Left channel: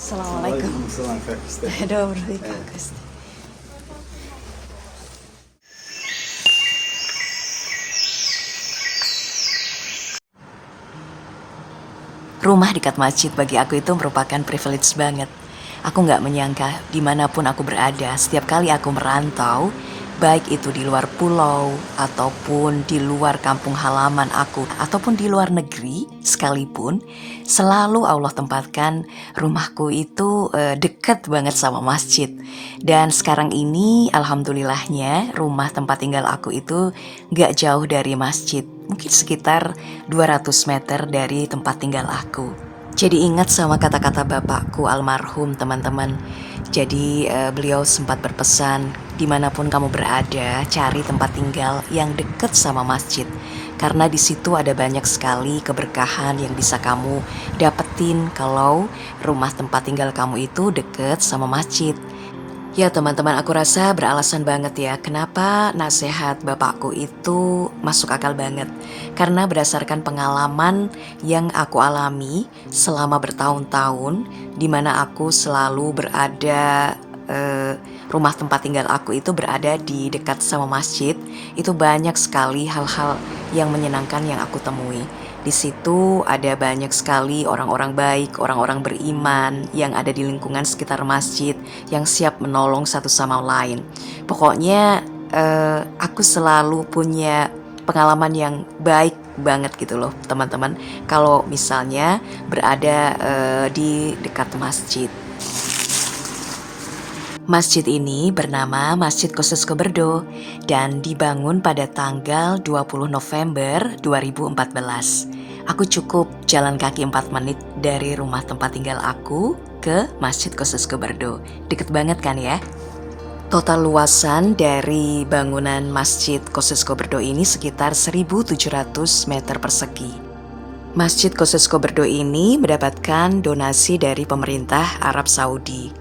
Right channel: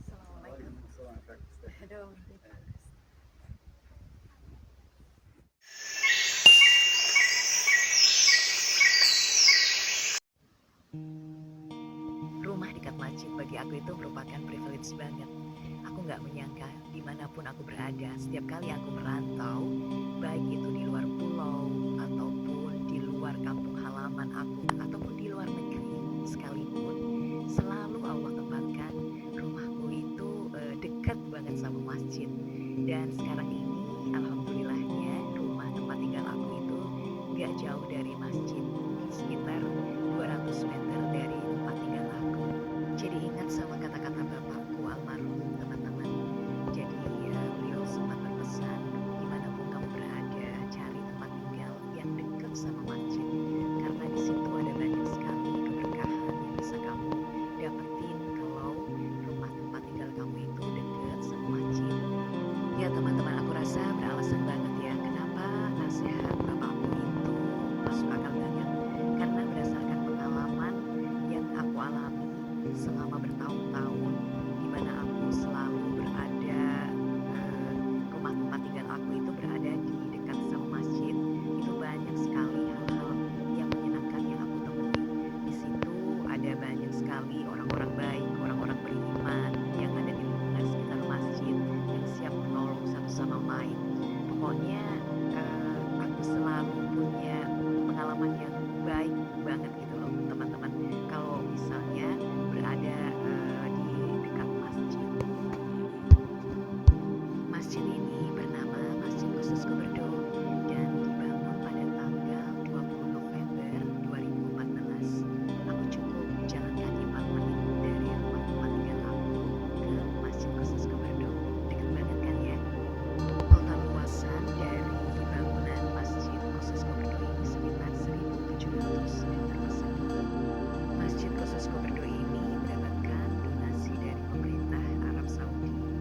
Assalamualaikum. Waalaikumsalam Kak Kristi. Добрый как есть. Rumah dekat masjid bagi aku itu merupakan privilege banget. Aku nggak menyangka dimanapun aku berada, setiap kali aku merantau, baik itu di luar pulau, ataupun di luar kampung halaman aku, ataupun di luar negeri sekalipun, selalu Allah tempatkan rumahku itu dekat banget sama masjid. Dan sekarang ini alhamdulillahnya rumah tempat tinggal aku itu nggak jauh dari masjid. Mungkin sekitar 200 meter dari tempat tinggal aku. Jadi ingat sama kata-kata bapakku almarhum teman-teman. Jadi beliau sempat berpesan, dimanapun kamu berada, cari tempat tinggal yang dekat sama masjid. Karena di situ ada banyak sekali keberkahan yang bisa kamu dapetin kalau rumah tempat tinggal kamu itu dekat sama masjid. Ya teman-teman, aku rasa beralasan banget ya kenapa nasihat bapakku itu masuk akal banget. Karena berdasarkan pengalaman yang aku alami selama bertahun-tahun, di mana aku selalu berada, rumah tempat tinggal aku itu berada di dekat sama masjid. Itu banyak sekali hal-hal yang menyenangkan yang aku temui. Di situ ada banyak sekali orang-orang baik, orang-orang beriman yang ada di lingkungan sekitar masjid yang siap menolong satu sama lain. Pokoknya aku selalu punya pengalaman yang baik banget gitu loh teman-teman. Kalau misalnya berada di dekat masjid. Masjid ini bernama Masjid Khusus Koberdo dan dibangun pada tanggal 20 November 2014. Aku cukup jalan kaki 4 menit dari rumah tempat tinggal aku ke Masjid Khusus Koberdo. Deket banget kan ya? Total luasan dari bangunan Masjid Khusus Koberdo ini sekitar 1.700 meter persegi. Masjid Khusus Koberdo ini mendapatkan donasi dari pemerintah Arab Saudi.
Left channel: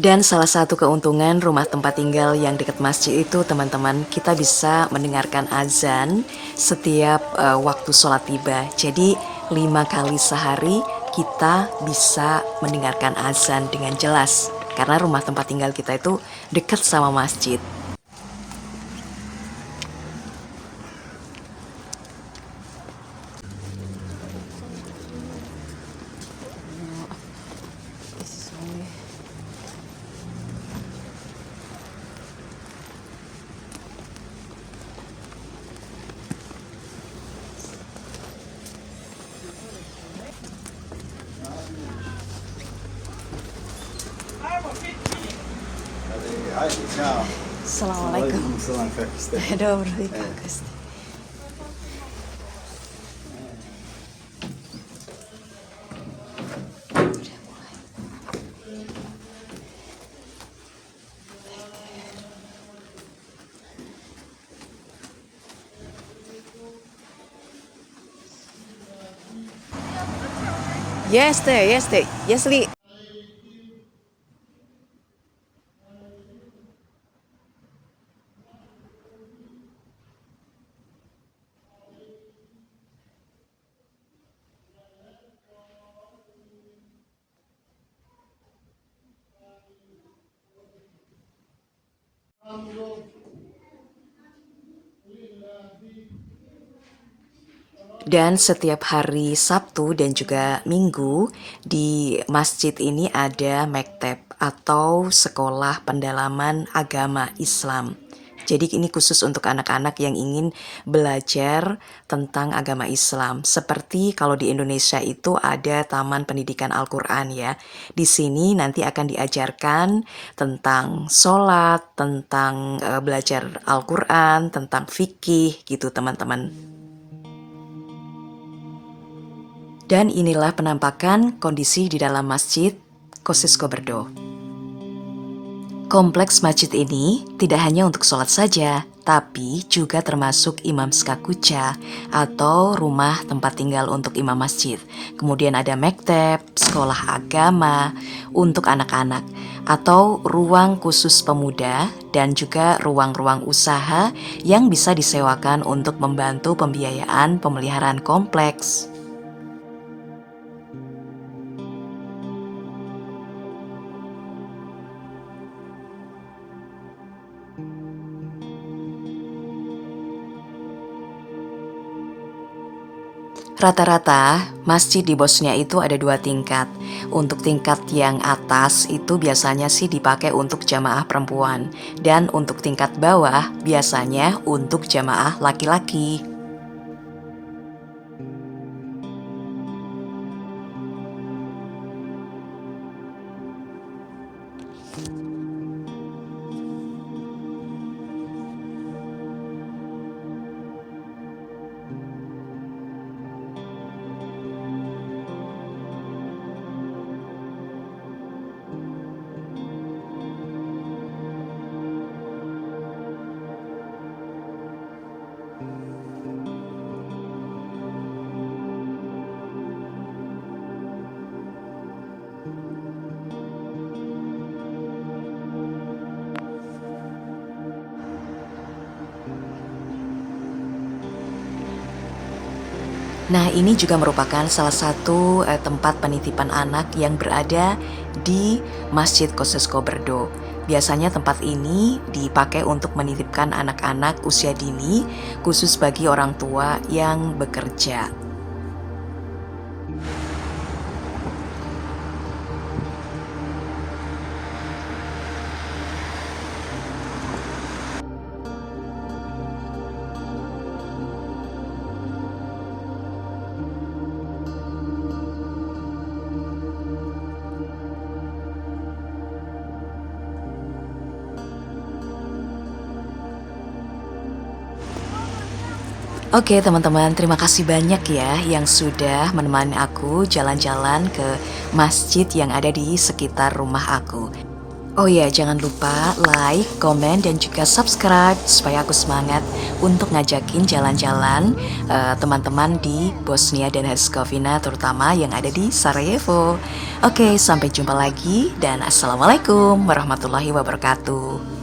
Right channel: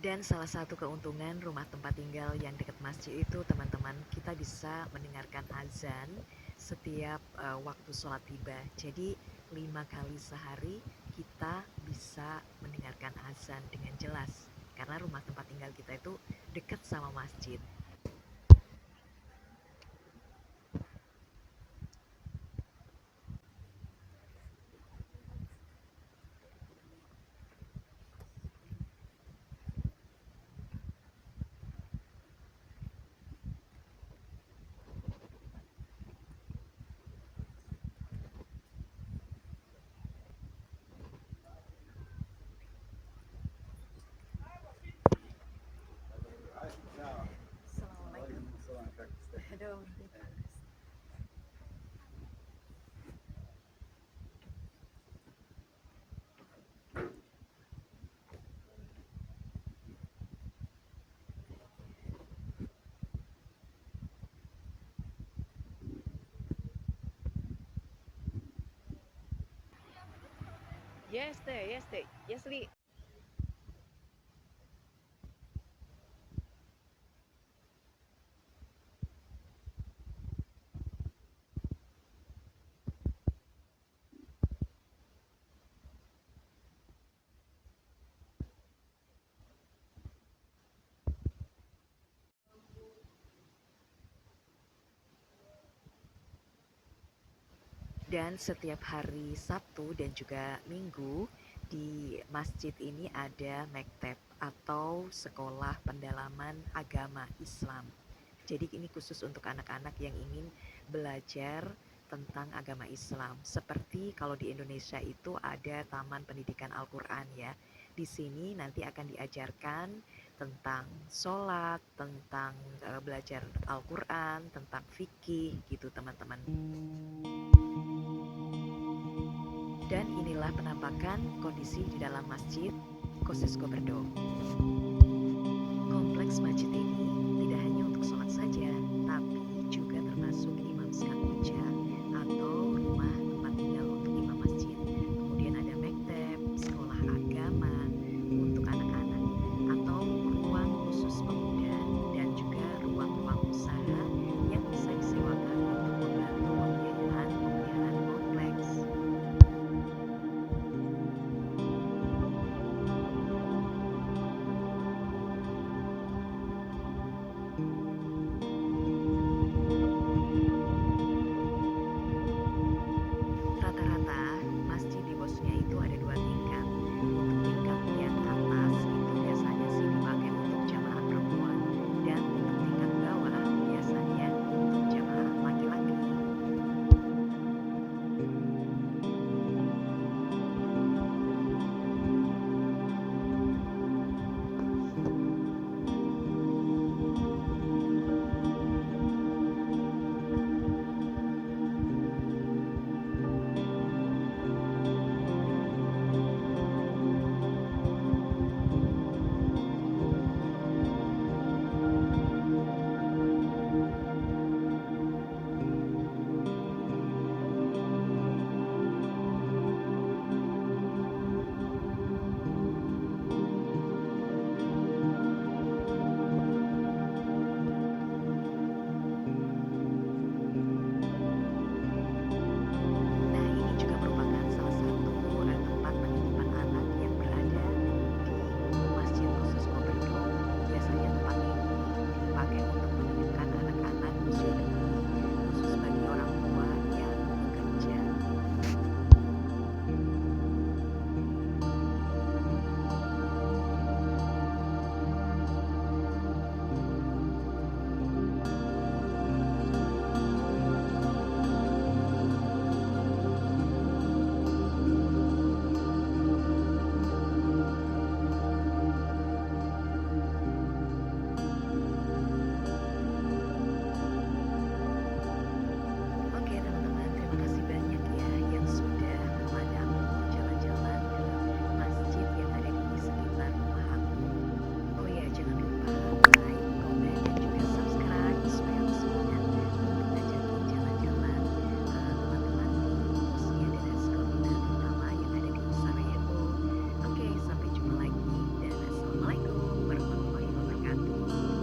Dan salah satu keuntungan rumah tempat tinggal yang dekat masjid itu teman-teman, kita bisa mendengarkan azan setiap waktu sholat tiba. Jadi 5 kali sehari kita bisa mendengarkan azan dengan jelas. Karena rumah tempat tinggal kita itu dekat sama masjid. Ciao. Assalamualaikum. Waalaikumsalam Kak Kristi. Добрый как есть. Если Dan setiap hari Sabtu dan juga Minggu di masjid ini ada mekteb atau sekolah pendalaman agama Islam. Jadi ini khusus untuk anak-anak yang ingin belajar tentang agama Islam. Seperti kalau di Indonesia itu ada Taman Pendidikan Al-Quran ya. Di sini nanti akan diajarkan tentang sholat, tentang belajar Al-Quran, tentang fikih gitu teman-teman. Dan inilah penampakan kondisi di dalam Masjid Kosciuszko Brdo. Kompleks masjid ini tidak hanya untuk sholat saja, tapi juga termasuk imam skakuca atau rumah tempat tinggal untuk imam masjid. Kemudian ada mekteb, sekolah agama untuk anak-anak, atau ruang khusus pemuda, dan juga ruang-ruang usaha yang bisa disewakan untuk membantu pembiayaan pemeliharaan kompleks. Rata-rata, masjid di Bosnia itu ada 2 tingkat. Untuk tingkat yang atas itu biasanya sih dipakai untuk jamaah perempuan. Dan untuk tingkat bawah biasanya untuk jamaah laki-laki. Nah, ini juga merupakan salah satu tempat penitipan anak yang berada di Masjid Kosciuszko Brdo. Biasanya tempat ini dipakai untuk menitipkan anak-anak usia dini, khusus bagi orang tua yang bekerja. Oke teman-teman, terima kasih banyak ya yang sudah menemani aku jalan-jalan ke masjid yang ada di sekitar rumah aku. Oh ya, jangan lupa like, komen, dan juga subscribe supaya aku semangat untuk ngajakin jalan-jalan teman-teman di Bosnia dan Herzegovina, terutama yang ada di Sarajevo. Oke, sampai jumpa lagi dan assalamualaikum warahmatullahi wabarakatuh.